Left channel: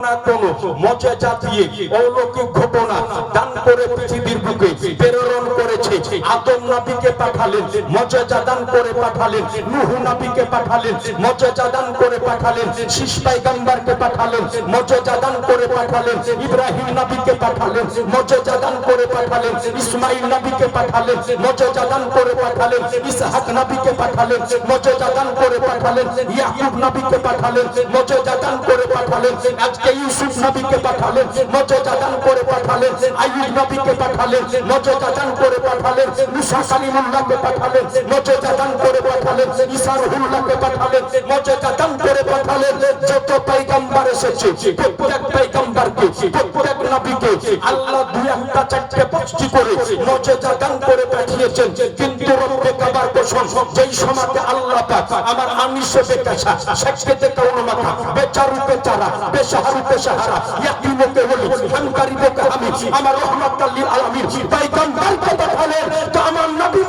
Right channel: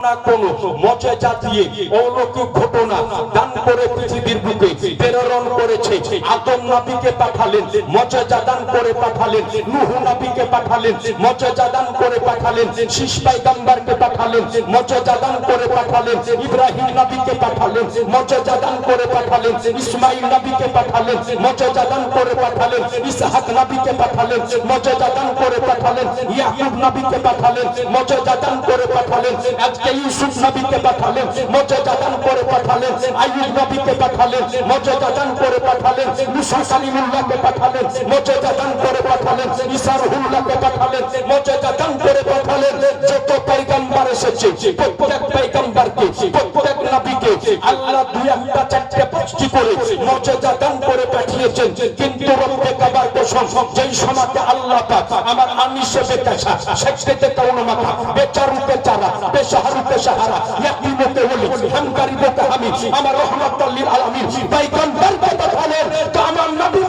কোন মজেজা দিয়ে অলৌকিক ঘটনা দান করে পৃথিবীর বুকে প্রেরণ করেছে। আদম নবীকে পাঠালেন, মজেজা দান করে পাঠালেন। নূহ নবীকে পাঠালেন, মজেজা দান করে পাঠালেন। শীষ পয়গম্বরকে পাঠালেন, মজেজা দান করে পাঠালেন। ইব্রাহিম নবীকে পাঠালেন, মজেজা দান করে পাঠালেন। ইসমাঈল নবীকে পাঠালেন, মজেজা দান করে পাঠালেন। ইসহাক নবীকে পাঠালেন, মজেজা দান করে পাঠালেন। ইয়াকুব নবীকে পাঠালেন, মজেজা দান করে পাঠালেন। আজকে ইউসুফ নবীকে পাঠালেন, মজেজা দান করে পাঠালেন। আইয়ুব নবীকে পাঠালেন, মজেজা দান করে পাঠালেন। মুসা কালিমুল্লাহকে পাঠালেন, মজেজা দান করে পাঠালেন। ঈসা রূহুল্লাহকে পাঠালেন, মজেজা দান করে পাঠালেন। যত পয়গম্বর এসেছে, প্রত্যেক পয়গম্বরকে, প্রত্যেক নবীকে আল্লাহ দুই একটা চারটে পাঁচটি করে মজেজা দান করে পাঠিয়েছেন। কিন্তু রব্বে কাবার কসম, যেই সময়তে আল্লাহ পাক আমার আনিসে বেকাশা, শেখতে কাউন মাথা, বেচারু বেচারা, বেশাহারু বেশাহারা, ইয়াতিমকে ওলি, হামকারিকে হামি, আমার রহমাতুল লিল আলামিন পয়গম্বরকে পাঠালেন। তো আমার নবী